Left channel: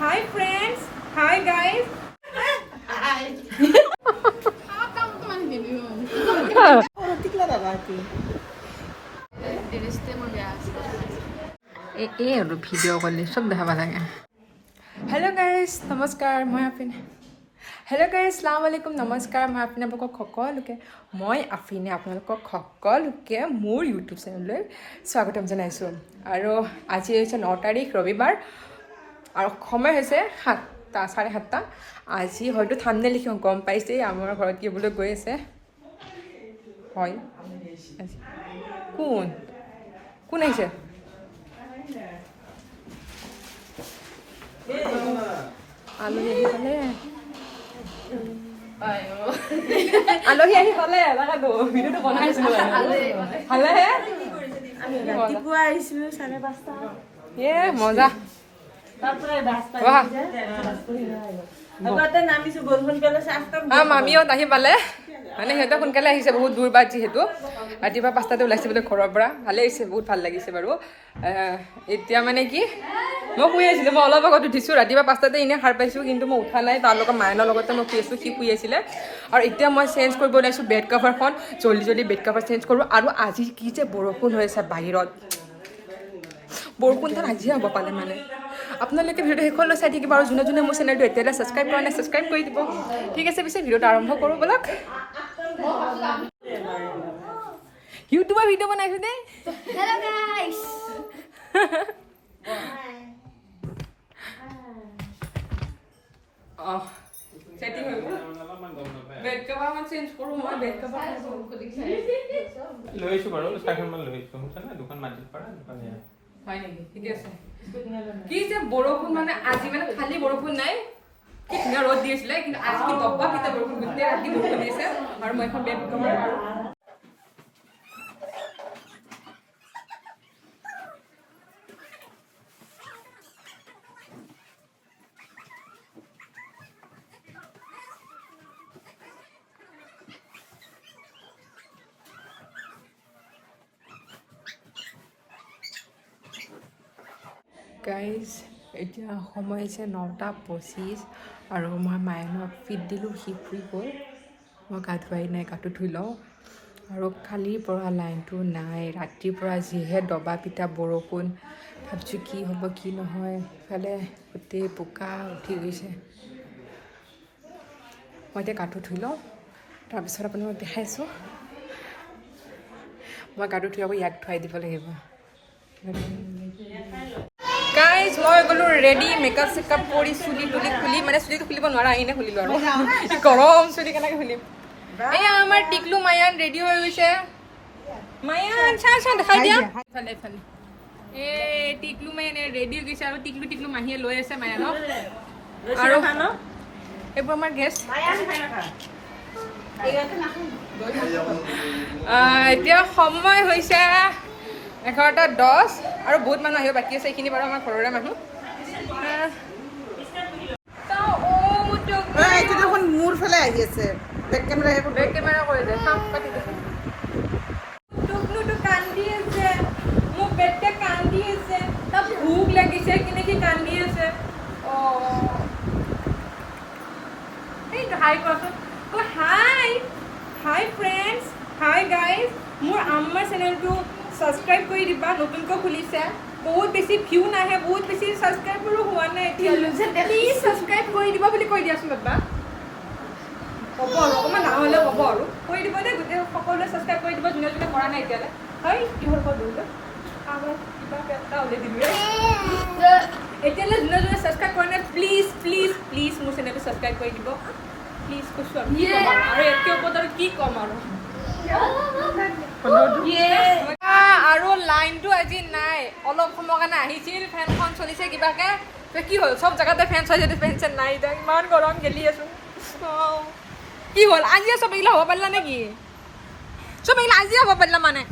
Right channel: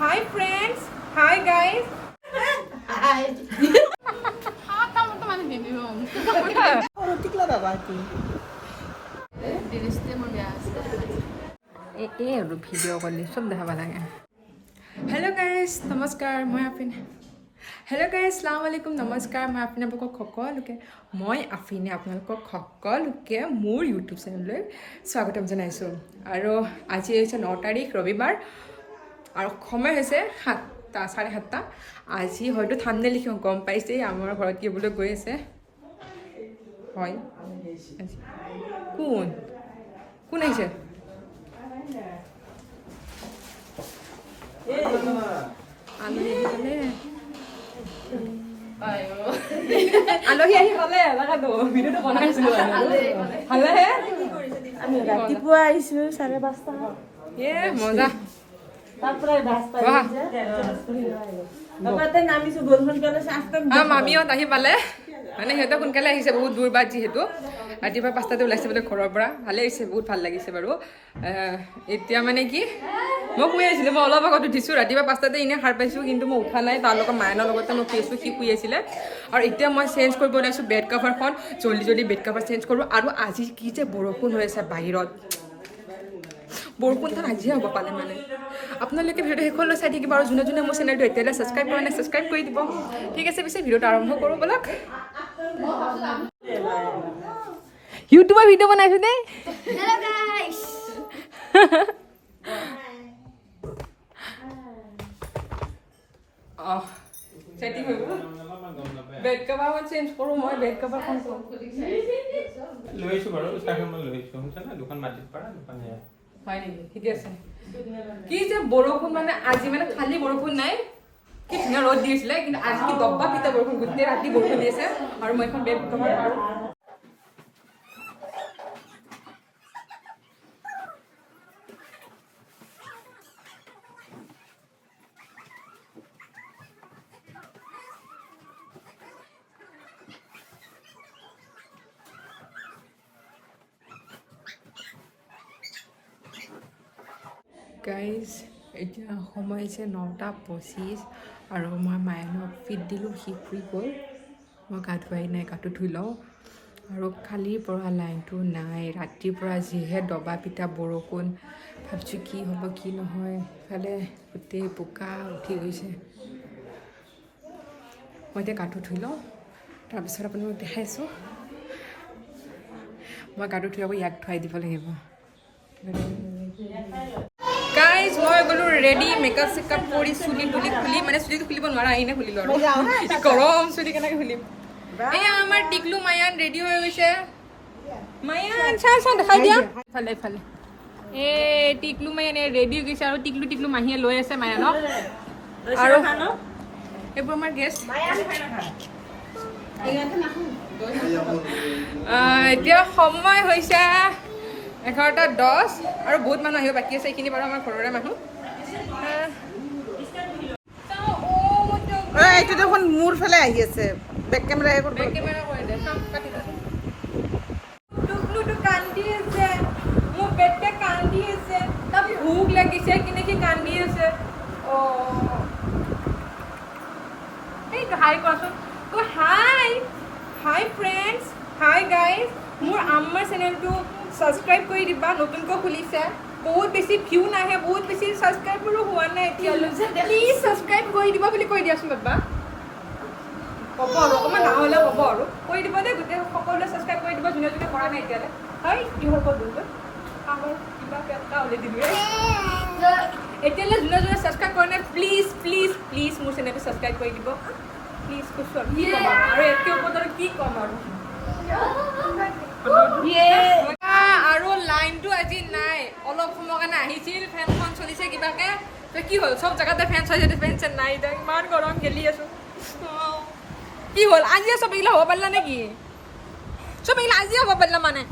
Hi friends. Hi guys. Hi. Video' কলে চব দেখাব লাগে হেল্ল' গাইজ নমস্কাৰ মই আফিনে হেল্ল' গাইজ আসসালামু আলাইকুম নমস্কাৰ মই আফিনে আপোনালোকক সকলোকে মোৰ ইউটিউব চেনেললৈ স্বাগতম জনাইছোঁ আৰু আজি হৈছে 9 তাৰিখ ৰবিবাৰ আৰু সময় হৈছে 7টা 7:30 আজি হয়তো থাম্বনেইল লিখি গম পাইছে আমাৰ ঘৰত কি বোলে গৈ আছে হয় কোন কোন আহিছে আলহী আহি পালে আলহী আহি পালে লাগাতো ভিডিঅ'টো বনাইছিলো ভালেহে ৰাতিপুৱা আহিছিলো 5:30টা এ মজা মামীহঁত আহি পালে মানে সিহঁতে সোনকালে আহিছে বহুত দূৰ বাট যিহেতু ৰাতিপুৱা 5টাতে ওলাইছে বোলে ঘৰৰ পৰা ভালেই হৈছে বহুত ভাল লাগিছে বাৰু এতিয়া মানে কি মই শুই আছিলোঁ মই অলপ আগত উঠিছোঁ ৰাতিপুৱা 5টাতে এনেই সাৰ পাইছোঁ কিন্তু মই উঠা নাই তাৰ লগত মায়ানৰ লগতে মই শুই আছোঁ সি শুই আছিলে আৰু এতিয়া মই চেঞ্জ কৰিব ওলাইছোঁ বেড কভাৰখন জল্দি বেড কভাৰ চেঞ্জ কৰোঁ আৰু আজি কি যে বৰষুণ হৈ আছে বাহিৰত বৰষুণখন আজিহে হ'ব পালে মানে আপোনালোকে ভিডিঅ'টো শেষলৈ চাই থাকিব আৰু যোনে যোনে মোৰ চেনেলটো এতিয়ালৈ ছাবস্ক্ৰাইব কৰা নাই ছাবস্ক্ৰাইব কৰি দিব ঠিক আছে পিছে ভিডিঅ'টো আৰম্ভ কৰোঁ ব'লক ইউটিউবৰ ভিডিঅ' বনাইছোঁ দেই হেল্ল' গাইস সেটিং হৈ গ'ল বেড কভাৰখন চেঞ্জ কৰোঁ মই বেড কভাৰখন লৈছোঁ বাৰু চাইকেলখন লৈছোঁ শুনিছানে দুখন মাটিত পৰা দুখনে হয় নেকি ঠিক আছে কি যে বৰষুণ মানে আজি মানে খালি বৰষুণ নাই কি ধুনীয়া ৰ'দ দি আছিলে কিন্তু আজি কি দব্বা পিতা বৰষুণ গোটেই ৰাতি বৰষুণ দি আছে আৰু মই এখন বেড কভাৰ আৰু গাইজ এতিয়া সময় হৈছে 9:25 আৰু মই মায়ানক ফিট দিলোঁ সি শুই গ'ল মই গা ধুৱাই নাই গাটো ধুই লওঁ আৰু কালিৰ পৰা লাইনটো নাই ৰাতিৰ পৰা যিহে দবা পিটা বৰষুণ ভাবিছোঁ কি হ'ব কি নহয় ইফালে গোটেই বোকা উঠি গৈছে মই এতিয়া গাটো ধুই লওঁ তাৰপিছত আপোনালোকক দেখাইছোঁ মই গাটো ধুই আকৌ ইয়াক ধুৱাই দিব লাগিব গাইজ মই গ'লো ৰেডি মেকআপ চেকআপ কৰি চুলি তুলি খুলি মানে চুলিটো খুলিব নোৱাৰা এনে খুলিলোঁ আৰু গৰম চুলি কেনেকৈ খুলিম এয়া আমাৰ টিকলু মায়ান ৰেডি হৈ গৈছে মায়ান চাওঁ দেখাই দিয়া ইফালে ইফালে এই টিকলু মায়ান ৰেডি হৈ গৈছে আৰু টিকলু মাহীয়ে লৈ আছে মায়ানক আৰু এইবোৰ আমাৰ গেষ্ট এতিয়া সময় হৈছে 11:10 আৰু বহুত মানুহ আহিব বাকী আছে এইখিনি বাৰু আমাৰ ঘৰৰে মানুহ এইটো দেখোন মোৰ ফালে আহি আছে বেক কেমেৰা বেক কেমেৰা কৰি দে টুকলুটো কান্দি আছে মোৰ বেটে কান্দি আছে তাৰ ভোক লাগিছে কেনেকৈ কান্দি আছে এইটো হাই কোৱাচোন হাই ফ্ৰেণ্ডছ হাই গাইজ মোৰ আম্মাৰ চেনেলটো ছাবস্ক্ৰাইব কৰি দিবা নতুনকৈ খুলিছে বহুত বেছি ভিউ নাহে বহুত বেছি ছাবস্ক্ৰাইবাৰো হোৱা নাই এতিয়ালৈ প্লিজ ছাবস্ক্ৰাইব কৰি দিব বুলি কৈ দিয়াচোন বাবা হ'ব আৰু অকণমান ডাঙৰ হ'লেও হ'ব আৰু কৰি দিব দেই গোটেই সকলোৱে ছাবস্ক্ৰাইব কৰি দিব যোনে যোনে কৰা নাই এতিয়ালৈ হয় কিহৰ ক'ত দিওঁ কিবা এটা উলিয়াই দিলোঁ এতিয়ালৈ যোনে যোনে ছাবস্ক্ৰাইব কৰা নাই প্লিজ মোৰ চেনেলটো ছাবস্ক্ৰাইব কৰি দিব প্লিজ কৈছোঁ আৰু কি ক'ম আৰু এতকৈ ওপৰত আৰু কি ক'ম আৰু লাইনটো আজি নাই অলপ সময়ৰ কাৰণে আহিছিল ফেনখন চলিছে কিবাকে কি হ'ল চব জেগাতে ফেন চলিছে ফেন চেন নাই এতিয়া ইমান গৰম গেলি আছোঁ কি হ'ল আজি চব এইগিলা হ'ব পাৰিলা নেকি চব এইগিলা আজি হ'ব পাৰিলা মানে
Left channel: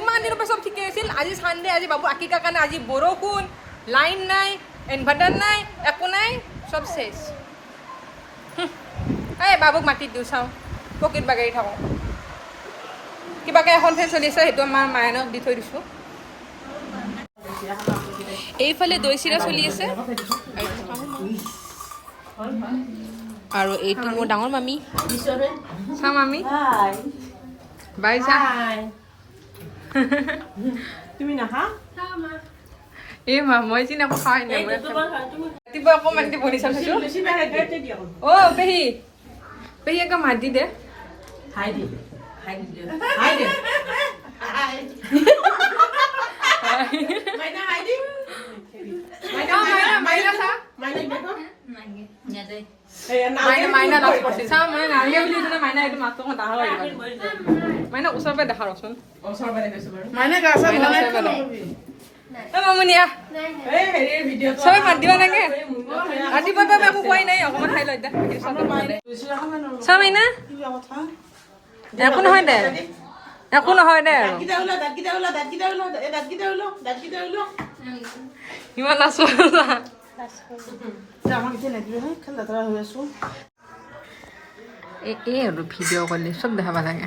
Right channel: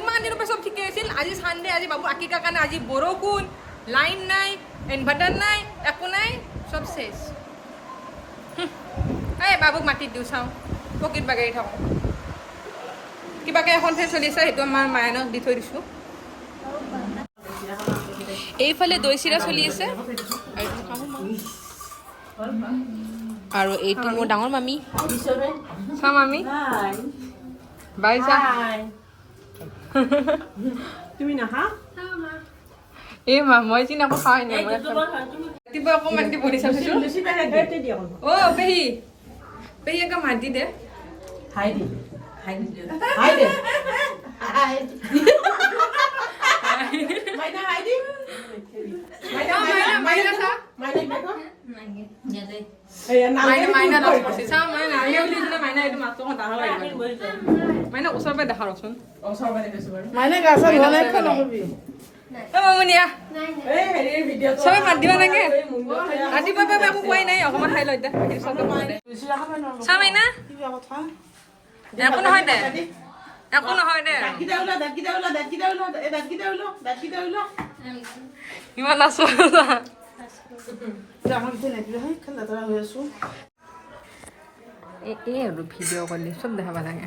ইমান দিনৰ পৰা চব ঠিকে আছিল আজি চানডে আজি বাবু আকিকাৰ কাৰণে আজি বৰষুণ লাইন নাই ইনভাৰ্টাৰ নাই একো নাই চব চেছ এই বাবুক মাটিত দিওঁ চাওঁ পকেট বাগেৰি থাকোঁ কিবাকে এখন ফেন চলি আছে সেইটো আমাৰ মায়ানক দি থৈ দিছোঁ এইফালে দৈ চিৰা চলি আছে আৰু আৰু এইটো মোৰ ডাঙৰ মামী চা মামী বাই চা তুমি নাহা এই মা মই চিনি আকৌ খাই নাই ৰাতিপুৱা অকণমান দি বনি চাইছো অ পেহী পেহী একদম মাত দি দে হাই দি মাইনা হাই দি মাইনা লাভ কৰিছে চা মই নালাগে বুলি যদি মাইনা এইটো মাছটো ডাঙৰ মাইনা ওচৰৰ পৰা দেখা ৰচোন মাইনা মামুনিয়া চবে মাত দিবা লাগে ৰাতিপুৱাৰ পৰা একো খোৱাই নাই অকণমান খাই লৈ চা মাইনা একো নহয় দে একো নহয় দে ইমান আছো এই আৰু ভিডিঅ' কৰিলে চব দেখাব লাগে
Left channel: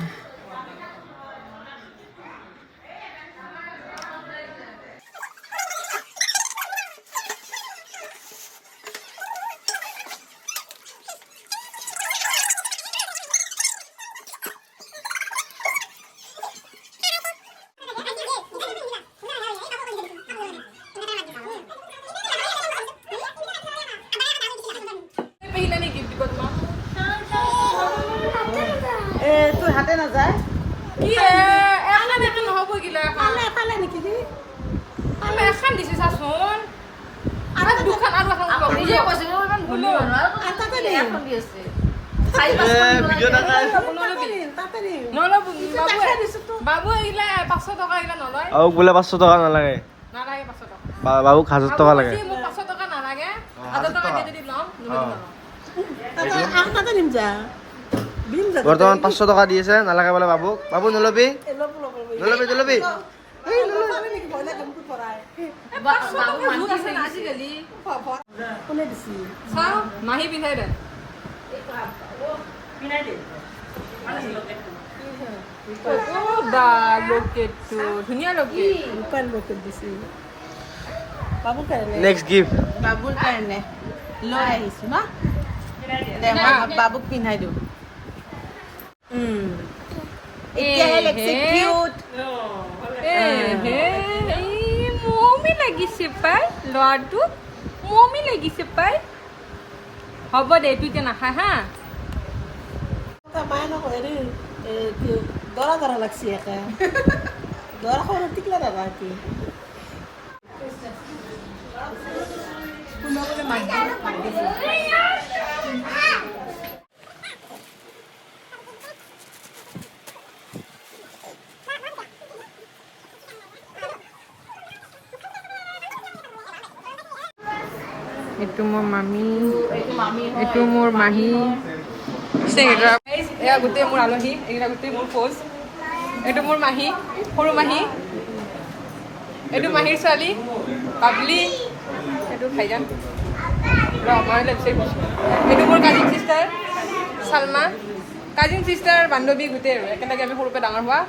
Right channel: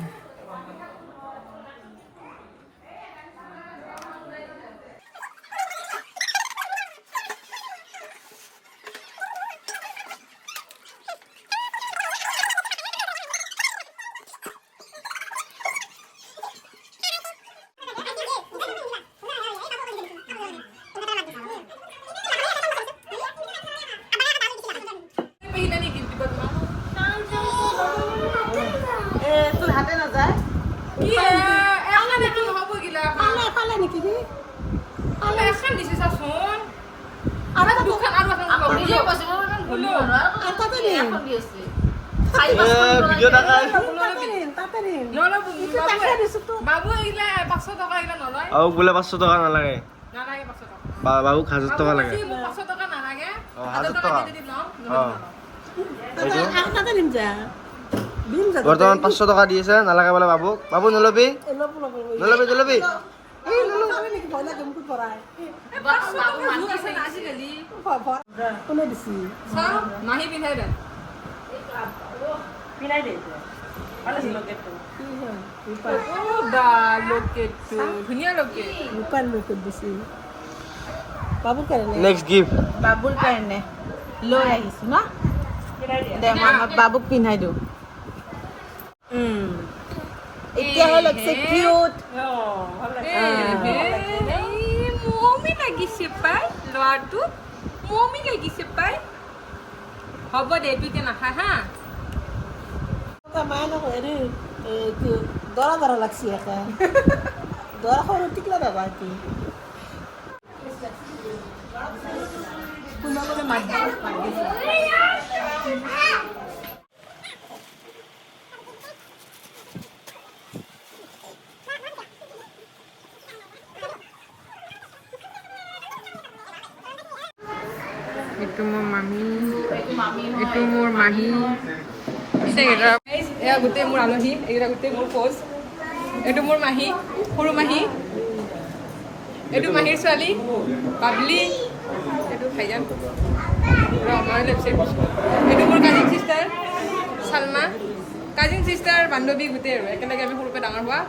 আৰু বোলে 500 টকা নালাগে বাবুক 1000 টকা লাগে বৰ্তমান 500 টকা দি আছে নালাগে বোলে বাবু বাবু নলবি নলবি নলবি মাহী পিন্ধাই দে ধুনীয়া নেক্সট গিফ্ট বাবুৰ কাৰণে লৈ আহিছো না বাবুক পিন্ধাই দিওঁ এতিয়াহে লাগিছে কিউট মমি লাগিছে পাই ল'ৰাটো মমি লাগিছে পাই হ'ব দে তুই এতিয়া নাখা হা মায়ে নকয় হেৰি দৰা দৰা লাগছি একে দৰা সৰু টিকলা দাদা কি কোনোবাই মাত দিছে এইটো মোৰ মামী এইটো মোৰ মাহী এয়া গোটেই মোৰ আলহী এইকেইটা গোটেই মোৰ ফৌজ এইটো মোৰ মাহী সৰু মাহী এইটো মাহীৰ ছোৱালী পাবলি এইটো ভাইজান আমাৰ লেপচাইড এইটো মোৰ কাজিন চিষ্টাৰ চালমা কাজিন চিষ্টাৰ বান্ধৱী গোটেই আৰু একেলগে আমি সৰুৰ পৰা ডাঙৰ হোৱা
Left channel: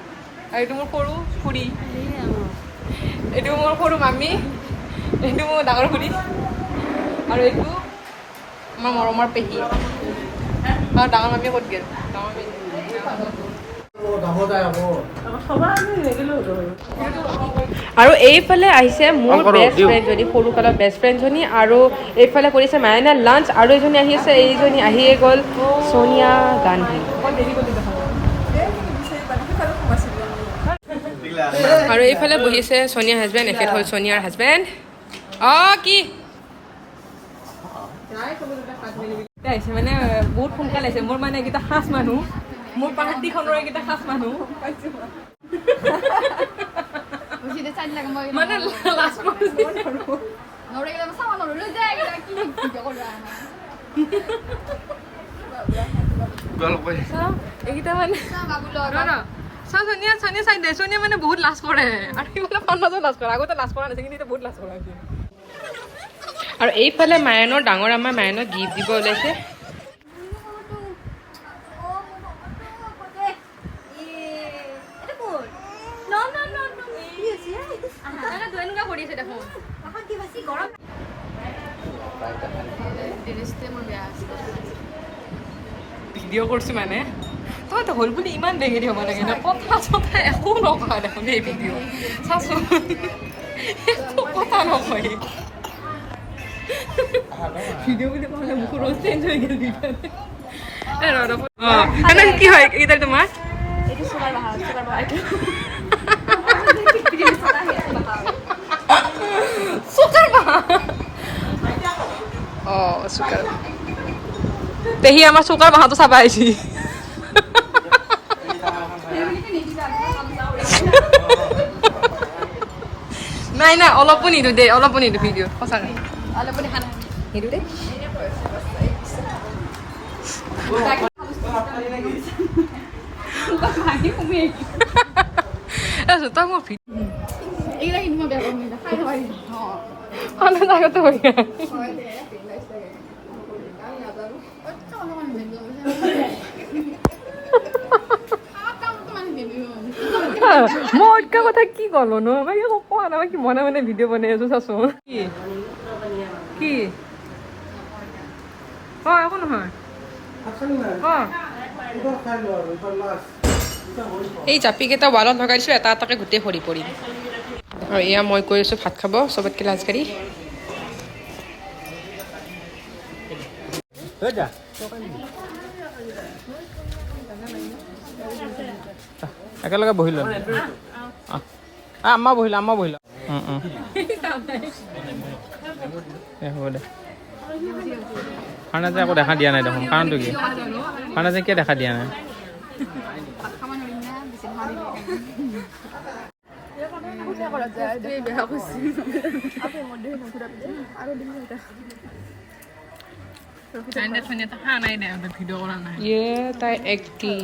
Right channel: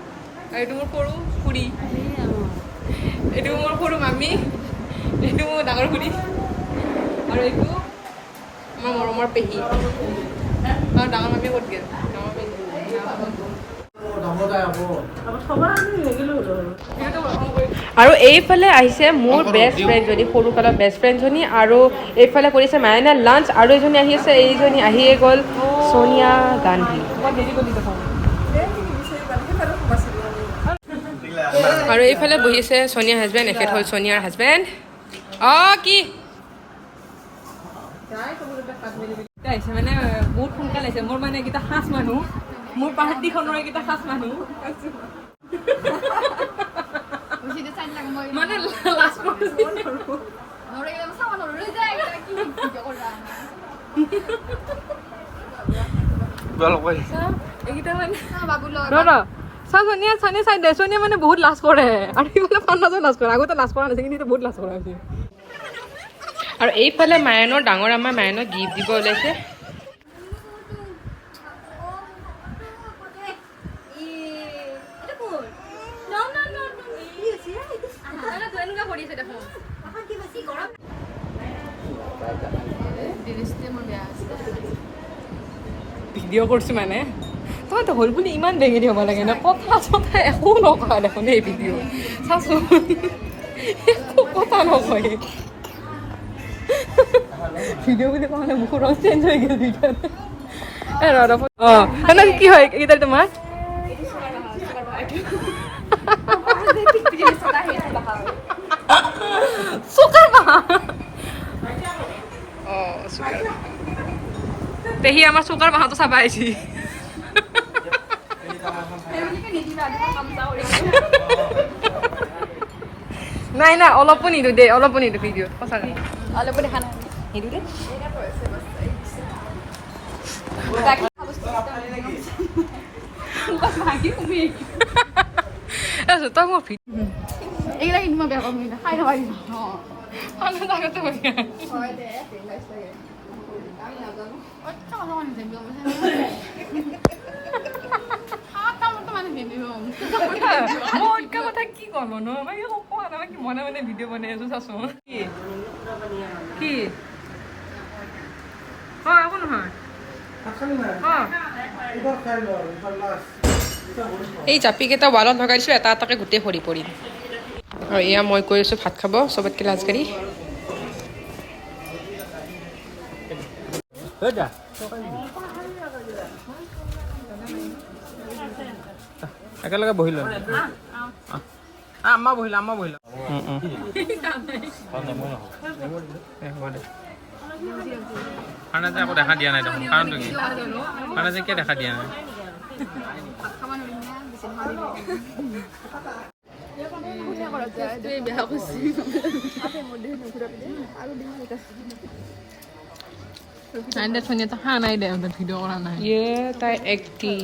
আৰু এইটো মোৰ সৰু খুৰী এইটো মোৰ সৰু মামী এইটো মোৰ ডাঙৰ খুৰী আৰু এইটো আমাৰ মৰমৰ পেহী আৰু ডাঙৰ মামী ক'ত গ'ল ডাঙৰ মামী আৰু এইফালে আহিছে মোৰ বেষ্ট ফ্ৰেণ্ডজনী সৰুকালৰ বেষ্ট ফ্ৰেণ্ডজনী আৰু এইফালে কৰিছে মায়ানা লাঞ্চ আৰু এজনী আহি আছে এইজনী আহিয়ে গ'ল সোনিয়া গান্ধী আৰু এইফালে বহিছে সোনিয়াৰ হাজবেণ্ড এখেত হ'ল সোনিয়াৰ হাজবেণ্ড কি আহিছে মানে বহুত সোনকালে আহিছে মোৰ মানে এইকেইটা সাজ মানুহ মোৰ পাহাৰটিখনৰ এইকেইটা সাজ মানুহ মানে লাষ্ট এইকেইটা মানে চাওঁ সোনিয়া সোনিয়া চাই দে সোনিয়া মানে বহুত লাজ কৰে আৰু মানে পান্নাজৰ লাজ কৰে আগতে লাজ কৰা নাছিল কিন্তু বহুত লাজ কৰে আৰু এইফালে মায়ানৰ ডাঙৰ আমাৰ মায়ানক গিফ্ট দিব ওলাইছে ভিডিঅ' কৰিছোঁ মানে তহঁতে হ'ল বুলি ইমান বেঙেৰি হ'ব লাগে ন কথা চথা একো নকৰা দেখোন এই ভিডিঅ' চাচোন একো কথা নকয় ভিডিঅ' বুলি কোৱা মুখৰ ৰং চেঞ্জ হৈ গ'ল ভিডিঅ'ত অঁ কি হয় এইকেইটা তোমাৰ চুকাৰ বাহা অঁ চুকাৰ পেহী আমাৰ চুকাৰ বাহাটো চাবা আহিছি নাই নাই অলপো নিদো দেই অলপো নিদো ভিডিঅ'ত সঁচাকৈ নিদো দেই তই মোৰ মই অটকা কথা কি ক'লো ন মই একো কোৱা নাই কি মনে মনে ভিডিঅ' বনাই আছো চাচোন কি অঁ একো নহয় অঁ এই জাপিকেইটা ৱালত লগাই দিছোঁ এটা এটাকে গোটেই সৰি পৰিল আৰু এয়া মই কৈ আছোঁ ভাত খাব চবতকৈ লাজকাৰী একেলগে বহি ল'ম আম্মা বহিলা হ'ব দে খানা যে আকৌ দেখা দিয়া নাই দেখোন কাৰণটো কি খানা যে কিয় দেখা দিয়া নাই ভিডিঅ' কৰা নাই তাই এক্টিং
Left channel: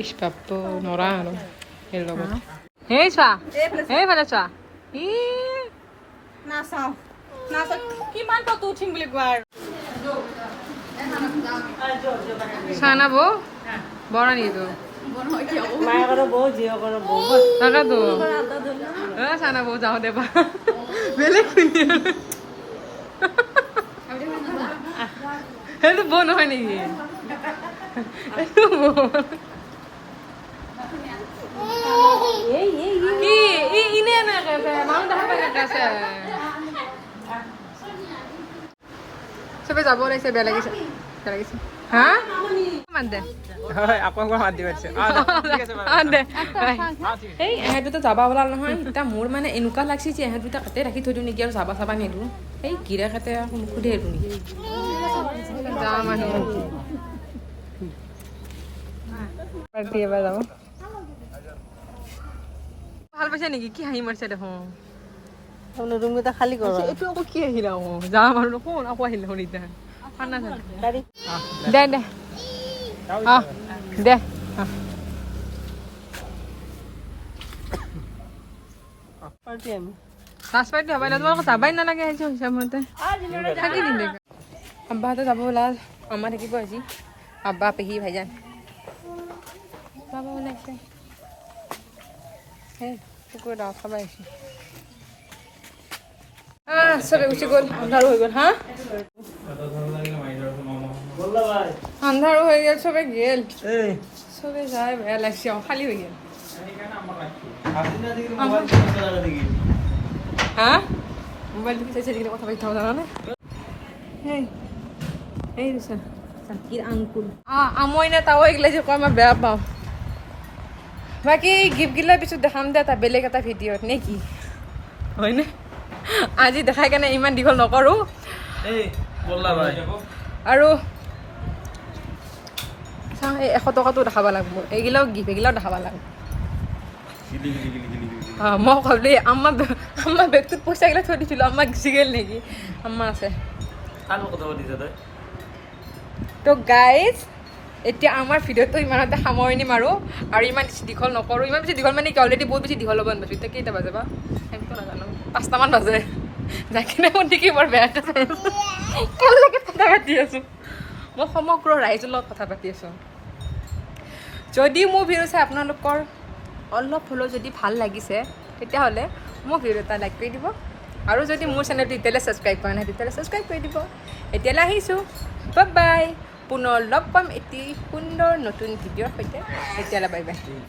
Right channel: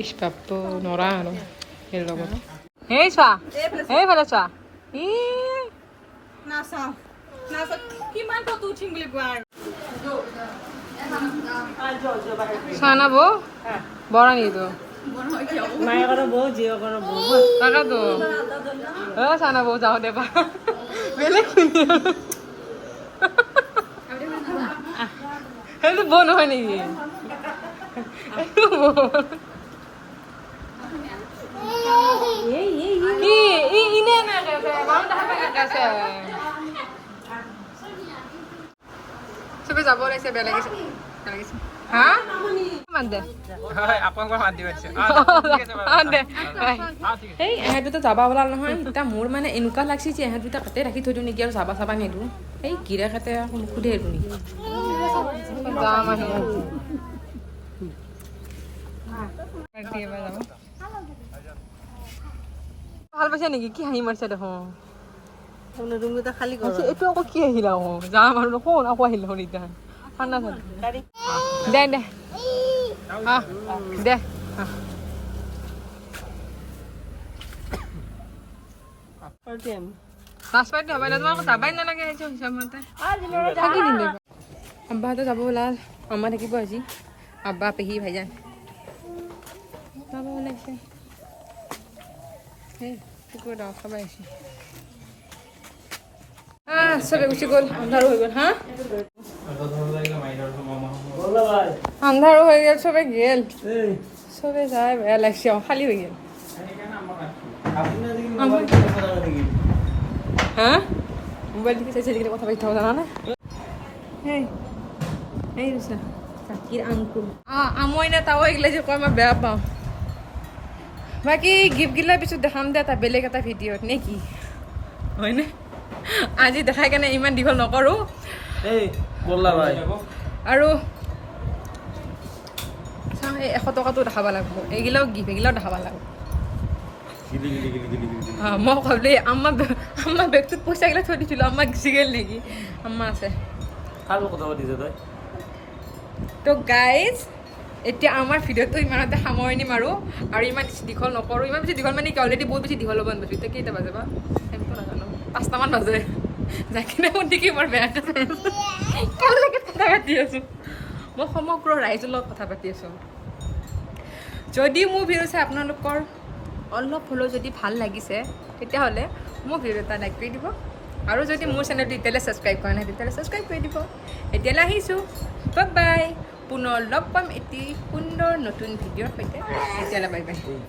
ইছ বাপু নৰা আৰু সেই লগত সেই চোৱা সেইফালে চোৱা চানা বৌ বৰা নিদো তাকেতো চানা বৌ যাওঁ দেবা বেলেগ সেইটো বৌ নহয় নেকি কি ইনে মানুহ দেখা পাই আছে চবে যাব লাগিছে বেয়া লাগিছে হা মান দে এই এহেঁত দুটা যাবা ওলাল নহয় এতিয়া মোৰ মানে এনেকুৱা লাগছে যে এহেঁত দুটা কাটে ৰাখি থৈ দিওঁ নেকি আৰু যাবা চাবা নিদিওঁ এই গিৰা কাটে সোধে এইটো নেকি যা মানুহ এবাৰ যাব ভাল পাইছে নেকি কি হাঁহি মাৰিছে দেখোন ৰুমকেইটা খালী কৰ এইটো আকৌ কি আহিলে আকৌ যাম আৰু শুন আকৌ আহিলে শুন এতিয়া ঠাণ্ডা দে দে দে নাচপাতি হবাই না তোমার যাবাই নালাগে আহিছো হিচাপমতে থাকি দিম দে আব্বাহঁতে যাব ওলাল আম্মা থাকিব আজি আব্বা পেহী ভাইজান যাব ওলাইছে সেই কুকুৰ দাও খাব আহিছে চবে গুচি গ'ল আন্ধাৰো হৈ গ'ল হা আন্ধাৰো হৈ গ'ল চবে গেল চবে যাই বেয়া লাগছে খালী হৈ গ'ল হা মোবাইল টিপি চাইছে আজিকালি কথা পাতি থাকো জানানে এই দিছা চাকিৰ আংকুল আমই না তাও এইগিলা যে কয় মই বেয়া পাওঁ বাকী গিফ্টগিলাৰ পিছত দেখাম দে এটা বেলেগ এটা ভিডিঅ'ত নে কি হয়নে আজি দেখাই কেনে ইমান দীঘল নকৰোঁ আৰু এই 100 টকাটো দেখাব লাগিব এইগিলাও গিফ্ট এইগিলাও দেখাব লাগিব মই ভাবিলে আম্মা বেগটোত পইচাগিলা থৈ দিছিলোঁ আম্মা গুচি গ'ল নেকি আম্মা আছে তো গাইজ এতিয়া আমাৰ ভিডিঅ'টো ইমানতে সামৰণি মাৰোঁ আৰু ইমান বেছি দীঘল নকৰোঁ ইমান বেছি দীঘল মানে কি অলৰেডি বহুত বেছি দীঘল হ'ব নাপাইছোঁ এতিয়া কেইটা বাজে বা সেইটো নাজানো 5টামান বাজে যাই কিনে মোৰ দেখি বৰ বেয়াকৈ কেনেকৈ কথা পাতি আছোঁ মই সমগ্ৰ ৰাইজৰ লগত কথা পাতি আছোঁ যদি মোৰ ভিডিঅ' চাই আপোনালোকৰ অলপ হ'লেও যদি ভাল লাগিছে তেতিয়াহ'লে মোৰ ভিডিঅ' এটা লাইক কৰি দিব আৰু যদি মোৰ চেনেলটো এতিয়ালৈ ছাবস্ক্ৰাইব কৰা নাই তেতিয়াহ'লে ছাবস্ক্ৰাইব কৰি দিব এতিয়ালৈ আহিছোঁ বাই পুনৰ লগ পাম এটি সুন্দৰ নতুন ভিডিঅ'ৰ সৈতে এতিয়ালৈ বাই বাই